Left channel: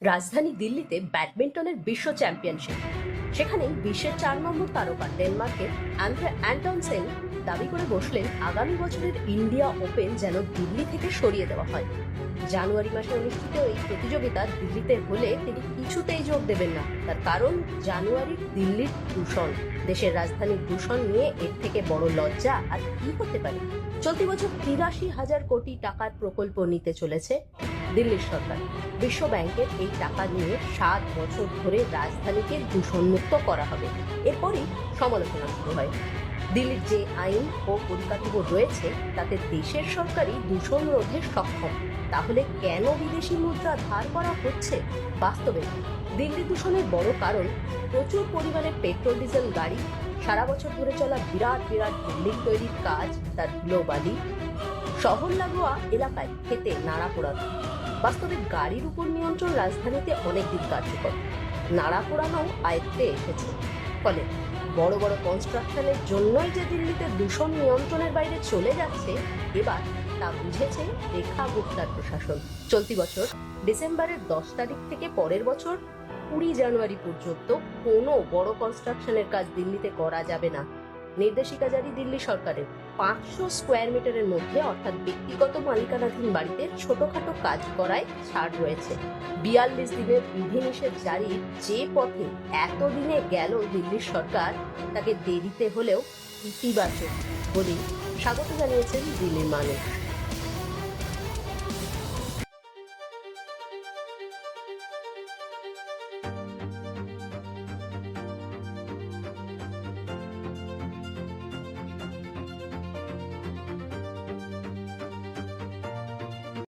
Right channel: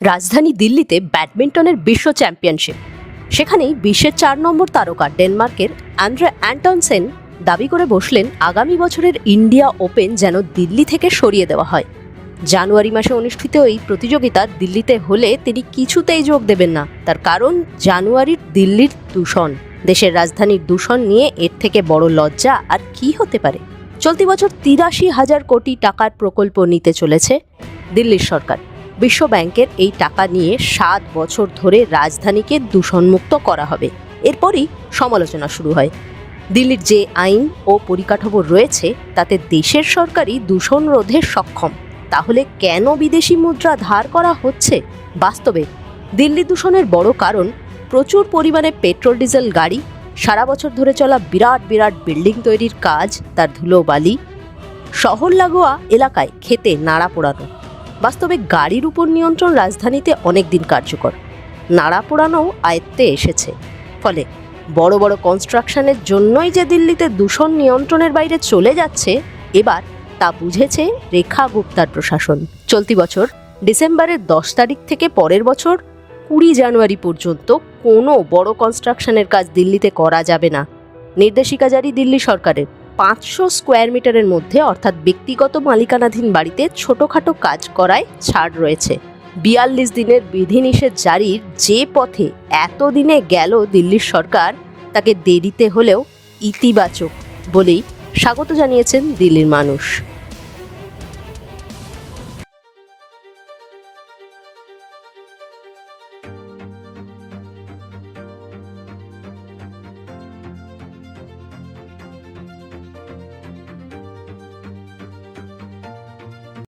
রাজধানী দিল্লিতে ব্যাডমিন্টনের বিশ্ব চ্যাম্পিয়নশিপ। সেখানেই বিশ্বের 4 নম্বর তারকা ডেনমার্কের অ্যান্ড্রে অ্যান্টনসেন দাবি করে বসলেন আগামী বছরের ইন্ডিয়া ওপেন যেন দিল্লি থেকে সরিয়ে দেওয়া হয়। জানুয়ারি মাসে অনুষ্ঠিত এই প্রতিযোগিতা দিল্লিতে হলে তিনি কিছুতেই যোগ দেবেন না। তার কারণ জানুয়ারির দিল্লির দূষণ। দেশের রাজধানীর দূষণ নিয়ে এর থেকে বড় লজ্জা আর কি হতে পারে। চলতি বছর ৮৩,০০০ কোটি টাকার প্রকল্প নিতে চলেছে দিল্লির সরকার। বিশ্ব ব্যাংকের এই টাকা নিয়ে 7 বছর ধরে রাজধানীকে দূষণমুক্ত করা হবে। এরপরই সমালোচনা শুরু হয়। দিল্লির যে আইন ও পরিকাঠামো রয়েছে তাতে দেশের সরকারই দূষণ রোধে সক্ষম। তাহলে কেন বিদেশি মুদ্রা ধার করা হচ্ছে? বাস্তবে দিল্লি দূষণের বড় কারণ প্রচুর পরিমাণে পেট্রোল ডিজেল গাড়ি, সারা বছর ধরে চলা বিরাট বিরাট বিল্ডিং তৈরির কাজ, তার ধুলোবালি, শহর লাগোয়া এলাকায় খেতে নাড়া পোড়ানো। বাস্তবে গাড়ির উপর নিয়ন্ত্রণ রাজধানীতে অনেকদিন কার্যকর, নাড়া পোড়ানোও আয়ত্তে এসেছে। ফলে বড় বড় কনস্ট্রাকশনের জন্যই যে দিল্লিতে দূষণ নিয়ন্ত্রণের বাইরে চলে যাচ্ছে, এবার তা বুঝেছে রেখা গুপ্তার প্রশাসন। চলতি বছর ডিসেম্বরের 10 তারিখ থেকে পরের বছর 20 জানুয়ারি পর্যন্ত কোনো বড় কনস্ট্রাকশনের কাজ দিল্লিতে করা যাবে না। নির্দেশিকা জারি দিল্লি সরকারের। 500 স্কোয়ার মিটারের মধ্যে অর্থাৎ ব্যক্তিগত মালিকানাধীন বাড়িতে ছোটখাটো কাজ করায় ছাড় রয়েছে। 42 দিনের বিধিনিষেধ জারির যে পথে এতদিনে গেল দিল্লির সরকার, তাকে দেরিতে হলেও ইতিবাচক বলেই স্বাগত জানিয়েছেন দিল্লির মানুষ।